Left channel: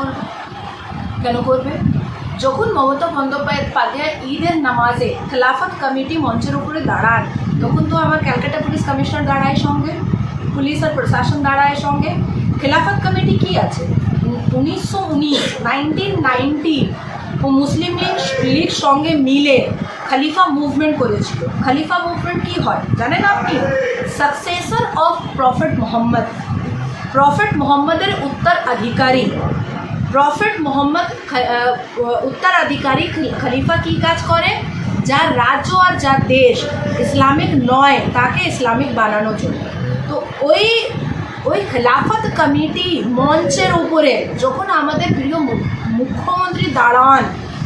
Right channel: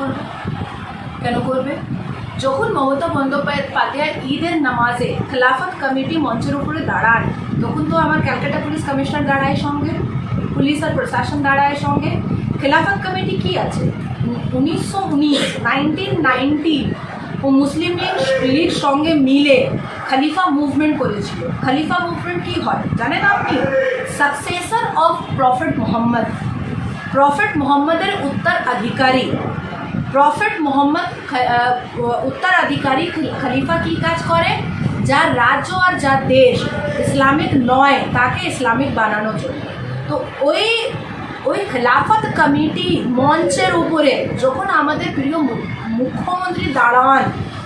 করবে? কেন করবে? যখন মমতা বন্দ্যোপাধ্যায় ঈদের নামাজে খেলাফত কমিটি মঞ্চের উপরে দাঁড়ান, তখন তো আমার ক্যালকাটা পুলিশ কমিশনার দাঁড়ায় সঙ্গে, পুলিশ আর প্রশাসন দাঁড়ায় সঙ্গে। খেলাফত কমিটি কি আছে? 1919 ও মুসলিম লীগ সঙ্গে মিলে খলিফা মুভমেন্ট করেছিল। খলিফা মুভমেন্ট কি হয় জানেন আপনি? সাকসেসর অফ প্রফেট মোহাম্মদের উত্তরাধিকারী। প্রফেট মোহাম্মদ উত্তরাধিকারী খলিফা কি কাজ করে? যা রাজ্য আর যা দেশ ইসলামিক নয় তাকে ইসলামিক বানানোর জন্য। তো ওই খেলাফত কমিটি মঞ্চের উপরে যখন আমাদের প্রিয় মুখ্যমন্ত্রী দাঁড়ান,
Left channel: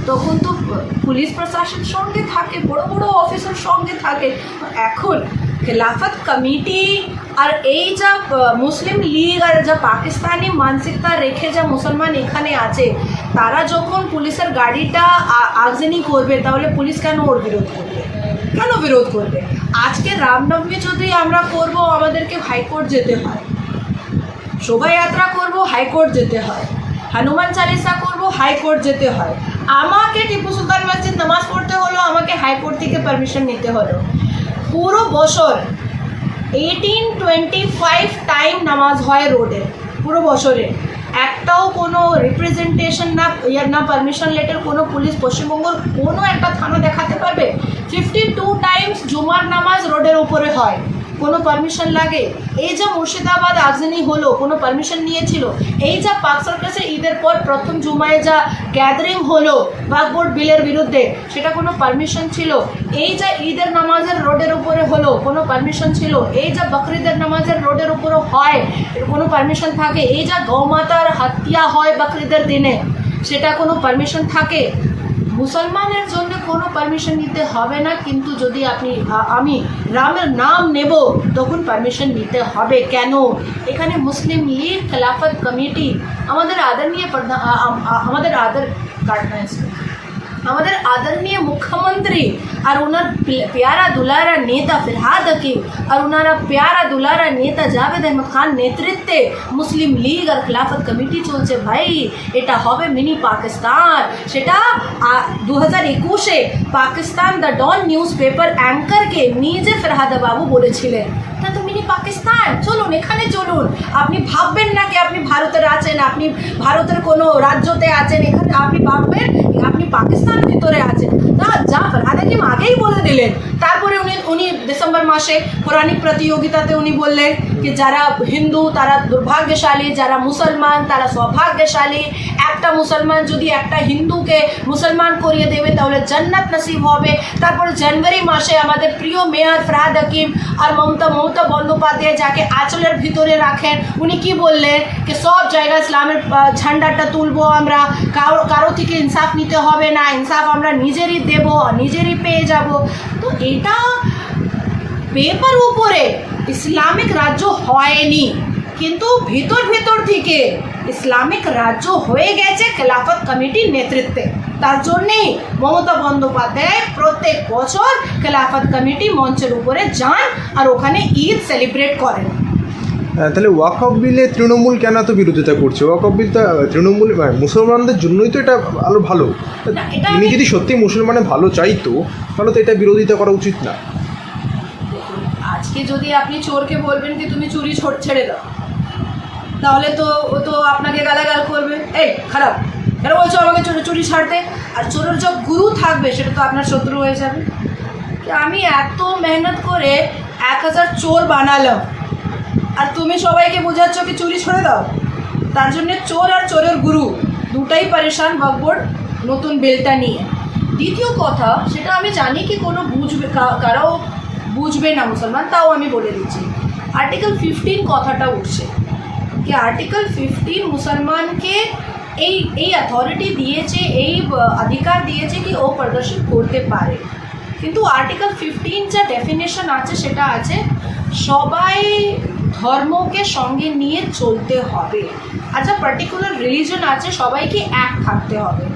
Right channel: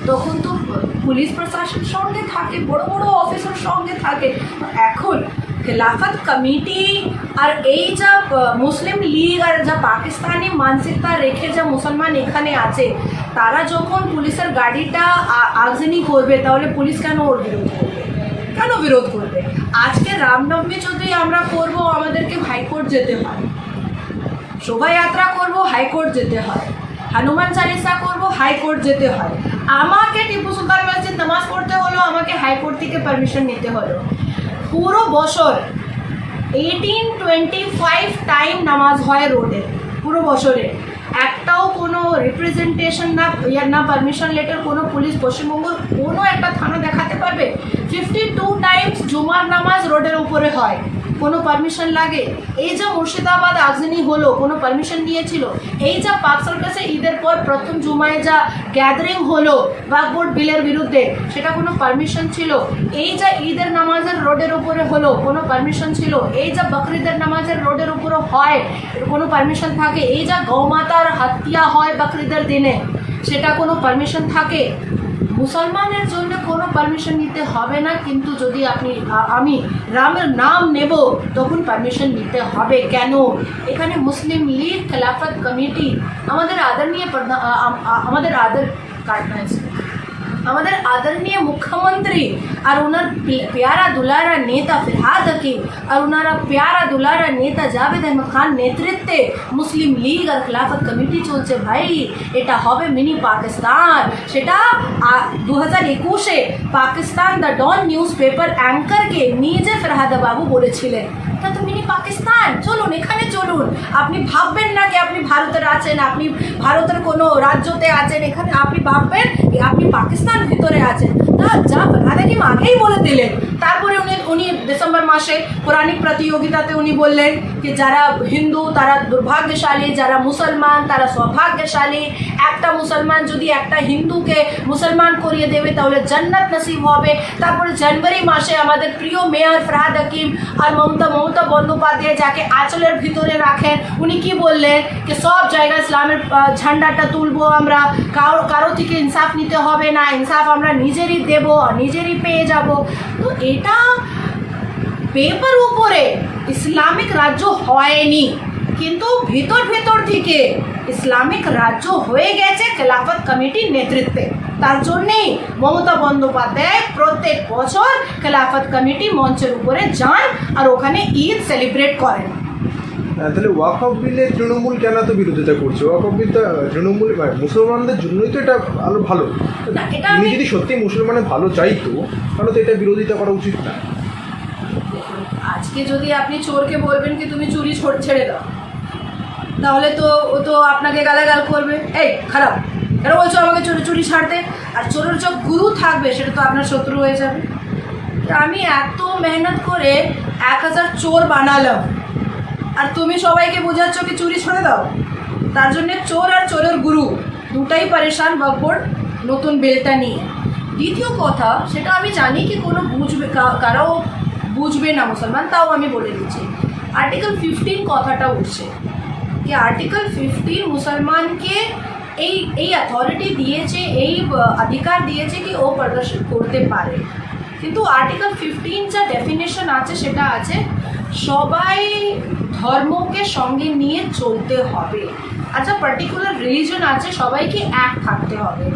তখন তো পুলিশ প্রশাসন সঙ্গে থাকে, বড় বড় অফিসার সঙ্গে থাকে। এখন খেলাফত কমিটি আর এই যা মুসলিম লীগ আর যা পাকিস্তানি মানসিকতা রেখে যা মুসলমান এখানে আছে, তারা যখন পুলিশের গাড়িটা আগজনী করবে, তাহলে পুলিশ কেন ওর বিরোধ করবে? কেন বিরোধ করবে? আজকে রামনবমী যদি আমরা করব, আমাদেরকে হাইকোর্ট যেতে হয়। শোভাযাত্রা করব, হাইকোর্ট যেতে হয়। হনুমান চালিসা করব, হাইকোর্ট যেতে হয়। আমাকে টিপু সুলতান মসজিদ নামাজ পড়তে হলো, আমাকে হাইকোর্ট থেকে পারমিশন নিতে হলো। পুরো বছর 1825 টাইম নামাজ হয় রোডে, পুরো বছরে একটাও কোনো রিপ্রেজেন্টেশন না পারমিশন লেটার কোনো পুলিশ পশ্চিমবঙ্গের কোনো একটা থানা দেখাতে পারবে? 52 টাইমস জুমার নামাজ রোডের উপরে হয়, কোনো পারমিশন লাগে? এই যে মুর্শিদাবাদ আগজনী হলো, কোনো পারমিশন নিয়েছিল? এই যা পাক সার্কাসের ঈদের পর প্রথম জুমায় যা গ্যাদারিং হলো ওয়াকফ বিলের বিরুদ্ধে, সেটা কোনো পারমিশন ছিল? এই যা ঈদের নামাজের রোডের উপরে হলো, কোনো পারমিশন ছিল? এই যা বকরিদের নামাজের রোডের উপরে হয়, কোনো পারমিশন থাকে? এই যা গৌমাতার হত্যা হয় বকরিদের দিনে, সেটা কোনো পারমিশন থাকে? মুসলমানের জন্য কোনো পারমিশন নিতে হবে না, কিন্তু যদি আমি রামের নাম নেব, তখন পারমিশন নিতে হবে। কেন? এখানে মুসলিম লীগ, খেলাফত কমিটি, আমাদের आदरणीय मुख्यमंत्री और उनर प्यारा दुलारा नेता फिरहाद हकीम और उनारा प्यारा दुलारा नेता जावेद अहमद खान नेतृत्वे मुस्लिम लीग और खिलाफत कमिटी चलছে भाई। এটা হবে মিনি পাকিস্তান। সেটা 2021-এ Pakistan the Dawn newspaper অ্যাঙ্কারকে নিজে ফিরহাদ বাবু বলেছিলেন, তা তো মিনি পাকিস্তান। চলুন, এখানে চলুন। আপনি ভাববেন না কি আপনি ভারতের আছেন, আপনি ভারতের কোনো রাজ্যতে আছেন, এখানে আপনি ভাববেন আপনি পাকিস্তান ভিতরে আছেন। তা যা ফিরহাদ হাকিম আগেই বলে দিলেন। তারপরে উনি ডিসেম্বর মাসে কোরআনিক প্রতিযোগিতাতে উনি বললেন যে যারা হিন্দু তারা দুর্ভাগ্যশালী, যারা মুসলমান তারা সৌভাগ্যশালী। একটা মুসলমান যদি একটা হিন্দুকে মুসলমান করিয়ে দেবে তাহলে জান্নাত নসিব হবে। তারপরে জানুয়ারি মাসে আমাদের প্রিয় মেয়র ফিরহাদ হাকিম আর মমতা বন্দ্যোপাধ্যায় যাকে আঁচলের ভিতরে রাখেন, উনি কি বললেন যে সব জায়গায় ইসলামের ঝান্ডাটা তুলবো আমরা, কারো থেকে ইনসাফ নিতে হবে না, ইনসাফ আমরা নিজেরই দেব, নিজেরই পেয়ে যাব। তো এটা পেপার উপরে ইসলামিক রাজ্য হয়নি, কিন্তু ভেতর থেকে ইসলামিক রাজ্য হয়ে গেছে খেলাফত কমিটির নেতৃত্বে। তার জন্যেই মমতা বন্দ্যোপাধ্যায় প্রত্যেক বছর খেলাফত কমিটি মঞ্চের উপরে যান আর ওখানে ঈদ সেলিব্রেট করেন। তাহলে ওয়াকফ বিলে তৃণমূল কেন এত বিরোধিতা করছে? ওয়াকফ বিলটা তৃণমূল মুসলমানদের জন্যই তো এটা আরো ভালো। তিনি যদি সত্যি মুসলমানের ভালো চাইতো তাহলে তো এটা বিরোধিতা করা উচিত না। আজকে যদি আপনি চোরকে বলবেন কি তুমি চুরি ছেড়ে দাও, তাহলে তো ও তো আপনাকে গালাগাল করবে, এই খারাপ কেন বলছো আমাকে চুরি ছাড়তে। আর চোরের যে গুরু থাকবে সেটা তো আপনার শত্রু হয়ে যাবে। আমি এত মেহনত করে 1000 চোর বানালাম আর তুমি সবাইকে বোঝাচ্ছ কি চুরি ছেড়ে দাও। তার জন্য চোর আর চোরের গুরু দুটাই পরেশান ওয়াকফ বোর্ড নতুন বিলটা নিয়ে। দ্বিতীয় কথা, সেটা আমি জানি কি কোনো কারো বুঝবে না মুসলমান, তাও আমি বলে দিচ্ছি। আর্টিকেল 15 কথাটা উঠছে কি আর্টিকেল 15 মুসলমানকে এই অথরিটি দিয়েছে, এই অধিকার দিয়েছে কি ও প্রদর্শন করতে পারে। কিন্তু আর্টিকেল 15 যা ডেফিনেশন আছে সেটা আছে সবাই ধর্মকে সঙ্গে নিয়ে চলতে হবে। আর যা পার্টিকুলার রিলিজন আছে সবাইকে এক থাকতে হবে।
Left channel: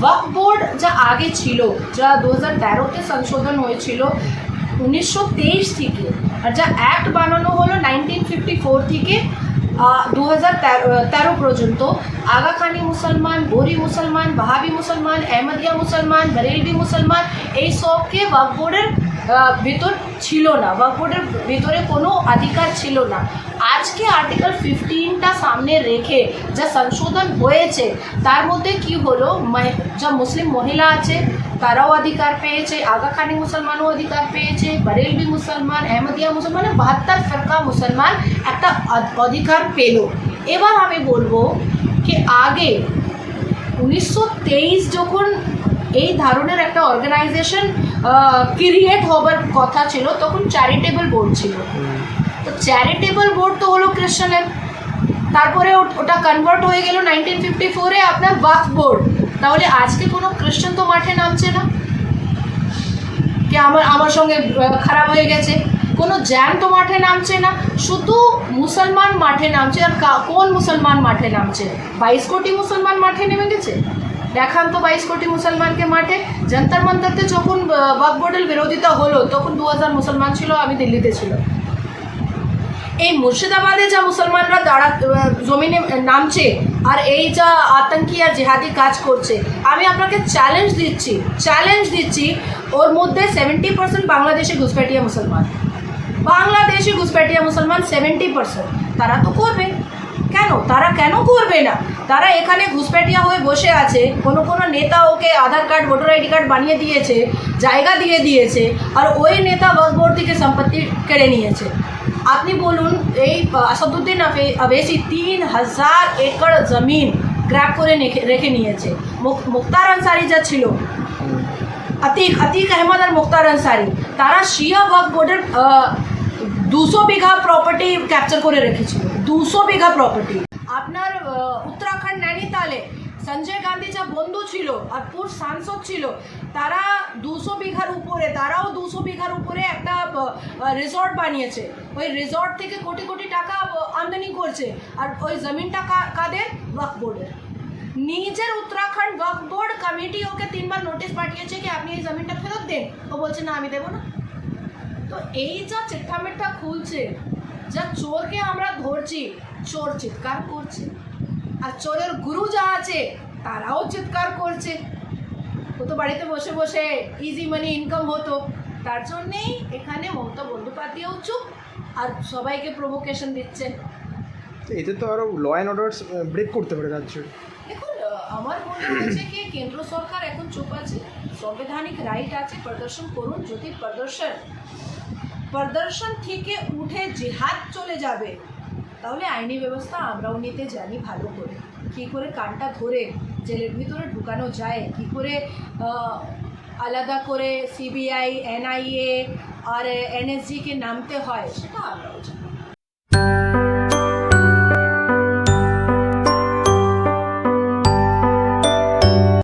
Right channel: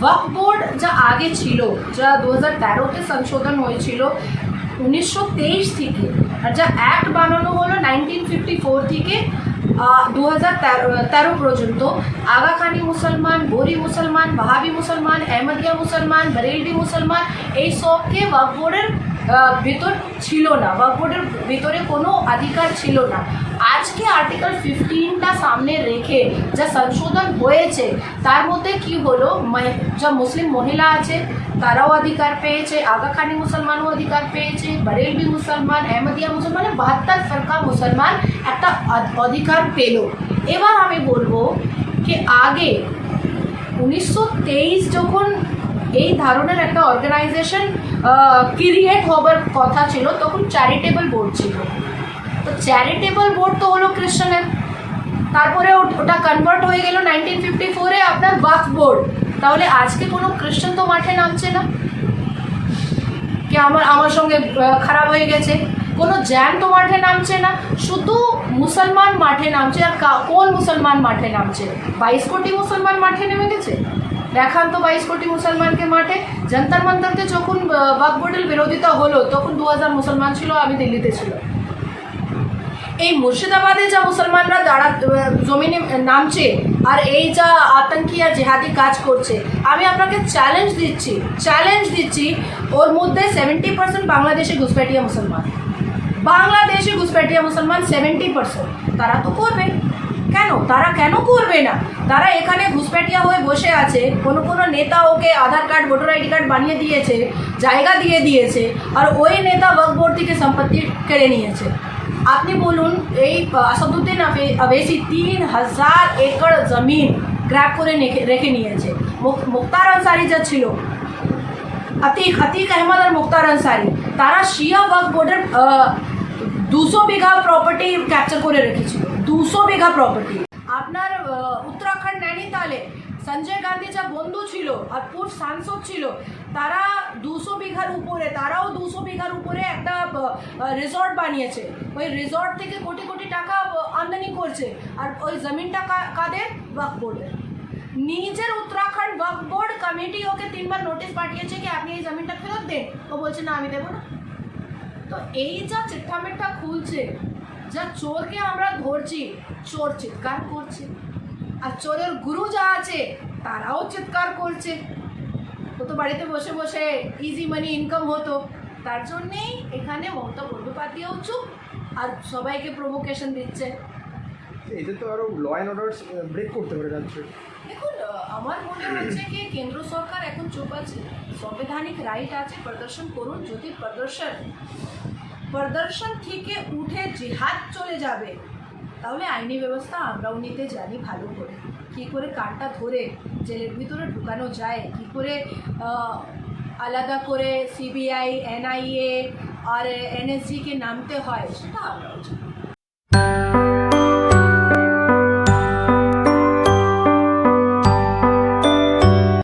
ওয়াকফ বোর্ড যা আগে ছিল, যা 2013-তে সংশোধন হয়েছিল 1923 থেকে, আর যা অ্যাক্ট বানানো হলো 1954 থেকে, 2013 পর্যন্ত আগাখানি মুসলমান, বোরি মুসলমান, বাহাবি মুসলমান, আহমদিয়া মুসলমান, বরেলভি মুসলমান এই সবকে ওয়াকফ বোর্ডের ভিতর ছিল না, ওয়াকফ বোর্ডের ভিতরে কোনো অধিকার ছিল না। আজকে আর্টিকেল 15টা সামনে রেখে যা সংশোধন হয়েছে তার মধ্যে কি হলো, যা মুসলিম মহিলা আছে তারাও অধিকার পেয়েছে, আগাখানি মুসলমানও অধিকার পেয়েছে, বরেলভি মুসলমান, আহমদিয়া মুসলমান, 72 ফিরকা মুসলমান একটা অধিকার পেল। এবার আমি বলবো কি আগে 1923 যখন এই ধরনের একটা অর্গানাইজেশন ক্রিয়েট হবার কথা ছিল তখন চ্যারিটেবল বোর্ড ছিল। তো চ্যারিটেবল বোর্ড তো হলো খ্রিশ্চানের, তারপরে ওটা কনভার্ট হয়ে গেল 1954-এ আপনার ওয়াকফ বোর্ড। তাহলে আজকে কোনো খ্রিশ্চান তো মাঠে নামছে না, কি আমার সঙ্গে খারাপ হয়ে গেছে, কোনো জ্যান তো মাঠে নামছে না, শুধু মুসলমান মাঠে নামছে। আর কোন মুসলমান মাঠে নামছে? 22 কোটি মুসলমান মাঠে নেমে গেছে। দেখান তো 22 কোটি মুসলমানকে মাঠে। জন্তর মন্তরতে যখন ওয়াকফ বোর্ডের বিরোধিতা হলো তখন 2000 মুসলমান ছিল, আমি দিল্লিতে ছিল। এই মুর্শিদাবাদে যা মুসলমানরা জমিনে নামছে আর এই যা আতঙ্কি আর জেহাদি কাজ করছে, আমি আপনাকে চ্যালেঞ্জ দিচ্ছি ওর মধ্যে 70% বাংলাদেশি ঘুষপেটিয়া মুসলমান। 70%। তারা তো করবে কেন? তারা কেন করবে না? তারা এখানে ঘুষপেটিয়া হয়ে বসে আছে, কোনো নেতা ওকে আধার কার্ড, ভোটার আইডি কার্ড বানিয়ে দিয়েছে, জায়গা দিয়ে দিয়েছে, আর ওই নেতা ওয়াকফ বোর্ড থেকে সম্পত্তি কেড়ে নিয়েছে। আপনি বলুন, এই আসাদুদ্দিন আওয়েসি 3000 একর জমিন গ্র্যাব করে রেখে নিয়েছে। মুক্তার আনসারি যা ছিল, আতিক আহমদ আর মুক্তার আনসারি, তারা শিয়া ওয়াকফ বোর্ডের 200 বিঘা প্রপার্টি ক্যাপচার করে রেখেছিল। 200 বিঘা প্রপার্টি। আপনার উত্তরাখণ্ড নৈনিতালে সঞ্জয় গান্ধী যা বন্ধু ছিল আর পূর্ব সাংসদ ছিল, তারা 200 বিঘার উপরে একটা রিসর্ট বানিয়েছে। ওই রিসর্ট থেকে কোটি কোটি টাকা আমদানি করছে, আর ওই জমিনটা কাদের? ওয়াকফ বোর্ডের। নিজের উত্তরাখণ্ড ওয়াকফ বোর্ড কমিটি ওকে 3 বার নোটিশ পাঠিয়েছে কি আপনি এই জমিনটা ফেরত দেন। ও বলছে না, আমি দেবো না। তো এই যা চিট্টামিট্টা খুলছে, যা চোরকে আমরা ধরছি, চোর চিৎকার করছে, আর চোরের গুরু যা আছে তারাও চিৎকার করছে। ও তো বাড়িতে বসে বসে ইজি মানি ইনকাম হতো, তার জন্যেই এখানে মমতা বন্দ্যোপাধ্যায়ও চুপ আর সবাইকে প্রভোকেশন দিচ্ছে। এতে তো আরও ল অ্যান্ড অর্ডার ব্রেক করতে পারে রাজ্য। দেখুন, আমার মনে হচ্ছে কি কেন্দ্র সরকার এখন চুপ আছে, সাংবিধানিক রাইট আছে, প্রদর্শন করুন। যদি প্রদর্শন থেকে উঠে জিহাদ চলে যাবে তাহলে আইনি ব্যবস্থা আমরাও নিতে জানি ভালো করে, কী করে কানটা ধরে জেলের ভিতরে ঢুকানো যায়, কী করে আলাদা করে সিবিআই, এনআইএ আর এনএসজিকে নামতে হয়, সেটা আমরাও জানি।